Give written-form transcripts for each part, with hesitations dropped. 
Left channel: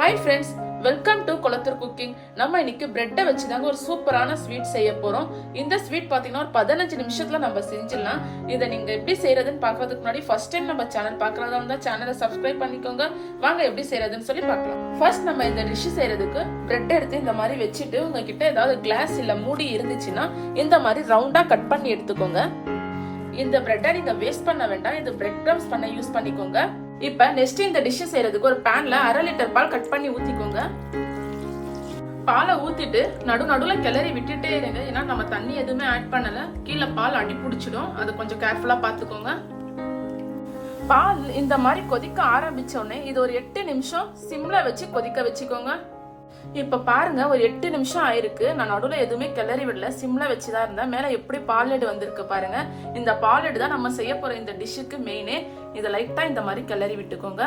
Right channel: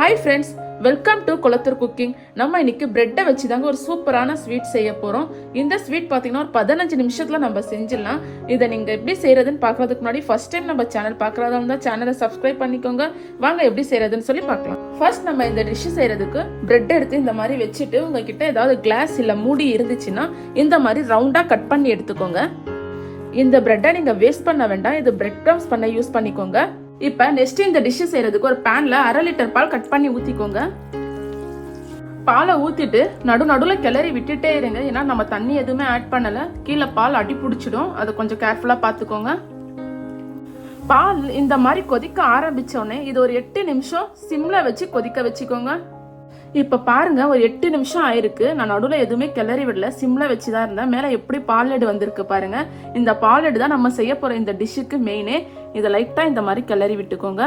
Hi friends, welcome to Kulathur cooking. நம்ம இன்னைக்கு பிரெட்டை வச்சு தாங்க ஒரு சூப்பரான ஸ்வீட் செய்ய போறோம். இந்த ஸ்வீட் பாத்தீங்கன்னா ஒரு 15 நிமிஷத்துல நம்ம செஞ்சிடலாம். இதை நீங்க எப்படி செய்யறதுன்னு பாக்குறதுக்கு முன்னாடி ஃபர்ஸ்ட் டைம் நம்ம சேனல் பாக்குறதா இருந்தா சேனலை சப்ஸ்கிரைப் பண்ணிக்கோங்க. வாங்க எப்படி செய்யறதுன்னு சொல்லி பார்க்கலாம். ஃபர்ஸ்ட் நம்ம இந்த டிஷ் செய்யறதுக்கு பிரெட் எடுத்து இந்த மாதிரி வச்சுட்டு உங்ககிட்ட ஏதாவது கிளாஸ் இல்ல மூடி இருந்துச்சுன்னா இந்த மாதிரி ரவுண்டா கட் பண்ணி எடுத்துக்கோங்க. இந்த பிரெட்டை நீங்க வேஸ்ட் பண்ண வேண்டாம், இது பிரெட் கிரம்ஸ் பண்ண யூஸ் பண்ணிக்கோங்க. இப்ப நெக்ஸ்ட் இந்த டிஷ் செய்யறதுக்கு ஒரு பேன்ல 1/2 லிட்டர் பால் கட் பண்ணி ஊத்திக்கோங்க. பாலை ஊத்திட்டு நடுவுல கிளறி விட்டுட்டே இருங்க, ஏன்னா நம்ம தண்ணி எதுவுமே ஆட் பண்ணல, கீழே பால் அடி பிடிச்சிடும், அதை கொஞ்சம் கேர்ஃபுல்லா பாத்துக்கோங்க. பால் இந்த மாதிரி கொதிக்க ஆரம்பிச்சோடனே இது ஒரு 8 நிமிஷம் சிம்ல வச்சு கொதிக்க வச்சுக்கோங்க. இப்ப பாருங்க ஒரு 8 நிமிஷம் ஆயிருக்கு, நான் நடுவுல எதுவுமே கிளறி விடல, சிம்ல வச்சுதான் இருந்தேன். மேல எப்படி பாலெடு வந்திருக்கு பாருங்க. இந்த பாலெடு தான் நம்ம செய்ய போற இந்த டிஷ்ஷுக்கு மெயினே. இதை லைட்டா இந்த மாதிரி கிளறி விட்டுக்கோங்க.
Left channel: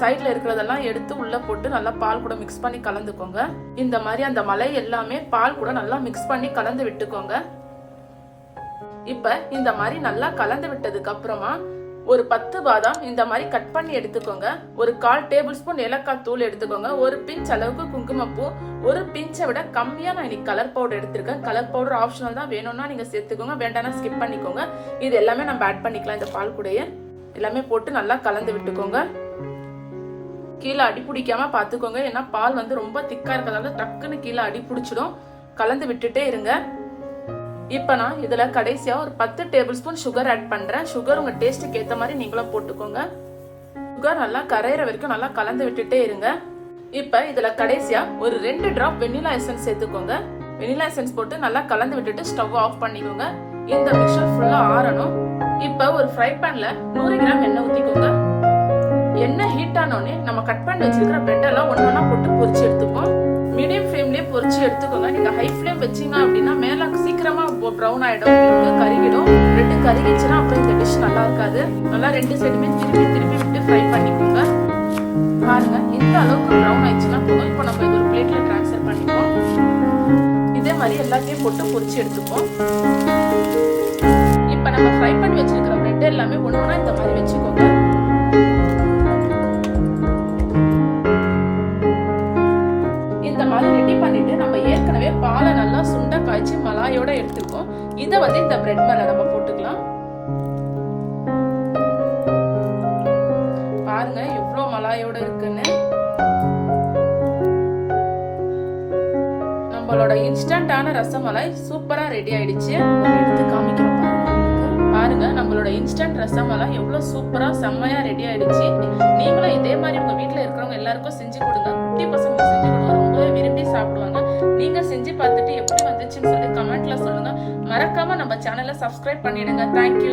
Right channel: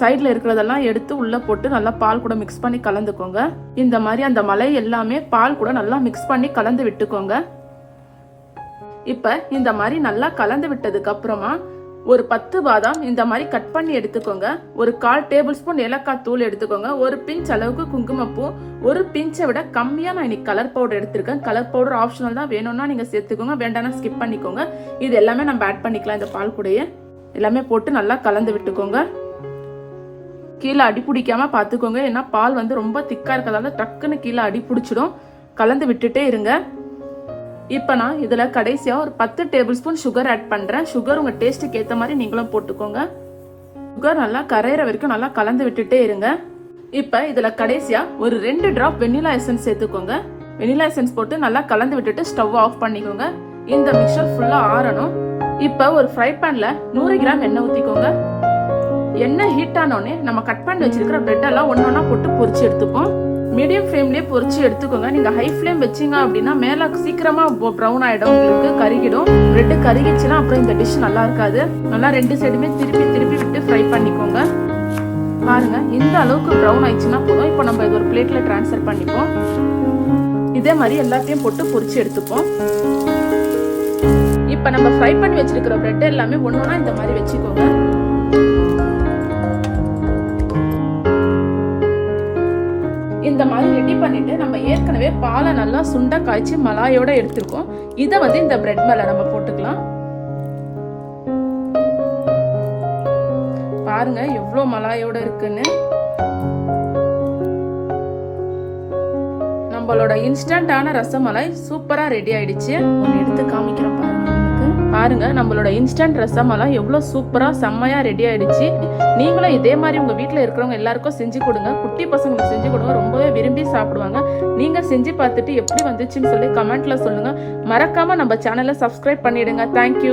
சைட்ல இருக்கிறதெல்லாம் எடுத்து உள்ள போட்டு நல்லா பால் கூட மிக்ஸ் பண்ணி கலந்துக்கோங்க. இந்த மாதிரி அந்த மலை எல்லாமே பால் கூட நல்லா மிக்ஸ் பண்ணி கலந்து விட்டுக்கோங்க. இப்ப இந்த மாதிரி நல்லா கலந்து விட்டதுக்கு அப்புறமா ஒரு 10 பாதாம் இந்த மாதிரி கட் பண்ணி எடுத்துக்கோங்க. ஒரு 1/4 டேபிள் ஸ்பூன் ஏலக்காய் தூள் எடுத்துக்கோங்க. ஒரு பிஞ்ச் அளவுக்கு குங்குமப்பூ, ஒரு பிஞ்சை விட கம்மியா நான் இன்னைக்கு கலர் பவுடர் எடுத்திருக்கேன். கலர் பவுடர் ஆப்ஷனல் தான், வேணும்னா நீங்க சேர்த்துக்கோங்க, வேண்டாம்னா ஸ்கிப் பண்ணிக்கோங்க. இது எல்லாமே நம்ம ஆட் பண்ணிக்கலாம். இந்த பால் கூடயே எல்லாமே போட்டு நல்லா கலந்து விட்டுக்கோங்க. கீழே அடி பிடிக்காம பாத்துக்கோங்க, ஏன்னா பால் வந்து ரொம்ப திக்கா இருக்கிறதால டக்குன்னு கீழே அடி பிடிச்சிடும். கலந்து விட்டுட்டே இருங்க. இப்ப நான் இதுல கடைசியா ஒரு 10 டேபிள் ஸ்பூன் சுகர் ஆட் பண்றேன். சுகர் உங்க டேஸ்ட்டுக்கு ஏத்த மாதிரி நீங்களும் போட்டுக்கோங்க. சுகர் நல்லா கரையிற வரைக்கும் நல்லா கலந்து விட்டுட்டே இருங்க. இப்ப இதுல கடைசியா ஒரு 2 டிராப் வெனிலா எசன்ஸ் சேர்த்துக்கோங்க. வெனிலா எசன்ஸ் போட்டு நல்லா கலந்து விட்டுட்டு ஸ்டவ் ஆஃப் பண்ணிக்கோங்க. இந்த மிக்சர் ஃபுல்லா ஆறணும். இப்ப ஒரு ஃப்ரை பேன்ல 100 கிராம் எண்ணெய் ஊத்திக்கோங்க. எண்ணெய் ஹீட் ஆனோடனே நம்ம கட் பண்ணி வச்சிருக்கிற பிரெட் எல்லாம் ஒன்னொன்னா போட்டு பொரிச்சு எடுத்துப்போம். மீடியம் ஃப்ளேம்லயே பொரிச்சு எடுத்துக்கோங்க. நீங்க ஹை ஃப்ளேம் வச்சீங்க அப்படின்னா மேல சீக்கிரமா ப்ரௌன் ஆயிடும், கருகிடும். பிரெட் கருகிச்சுன்னா அப்புறம் இந்த டிஷ் நல்லா இருக்காது. நல்லா 2 சைடுமே திருப்பி விட்டு ஃப்ரை பண்ணிக்கோங்க. பாருங்க இந்த அளவுக்கு ப்ரௌன் ஆயிடுச்சுன்னா போதும். இப்போ நம்ம இது ஒரு பிளேட்ல ட்ரான்ஸ்ஃபர் பண்ணிப்போம். இதே மாதிரி எல்லாத்தையும் போட்டு பொரிச்சு எடுத்துப்போம். இப்ப நம்ம ஃப்ரை பண்ணி வச்சிருக்கிற பிரெட் எல்லாமே ஒண்ணா இந்த மாதிரி வச்சுக்கோங்க. இந்த மாதிரி ரெடி பண்ணிட்டு நம்ம ஏற்கனவே பாலை நல்லா சுண்டா காய்ச்சி மலாயோட எடுத்துப்போம். இதை வந்து இந்த பிரெட் மேல நம்ம போட்டுக்கலாம். பாருங்க எவ்வளவு மலாயோட இருக்குன்னு. நம்மளோட இன்ஸ்டன்டான ரசமலாய் சூப்பரா ரெடி ஆயிடுச்சு. எடுத்து காமிக்கிறேன் பாருங்க. நம்மளோட இன்ஸ்டன்ட் ரசமலாய் எவ்வளவு சூப்பரா செம்மையா ரெடி ஆயிடுச்சு. நீங்களும் இதே மாதிரி உங்க வீட்டுல இருக்கிறவங்க எல்லாருக்கும் செஞ்சு கொடுங்க. குட்டி பசங்க செஞ்சு கொடுங்க, ரொம்பவே விரும்பி சாப்பிடுவாங்க. நீங்க செஞ்சு பார்த்துட்டு எப்படி வந்துச்சுன்னு சொல்லி கமெண்ட்ல சொல்லுங்க. மறக்காம நம்ம சேனலை சப்ஸ்கிரைப் பண்ணிடுங்க. தேங்க்யூ.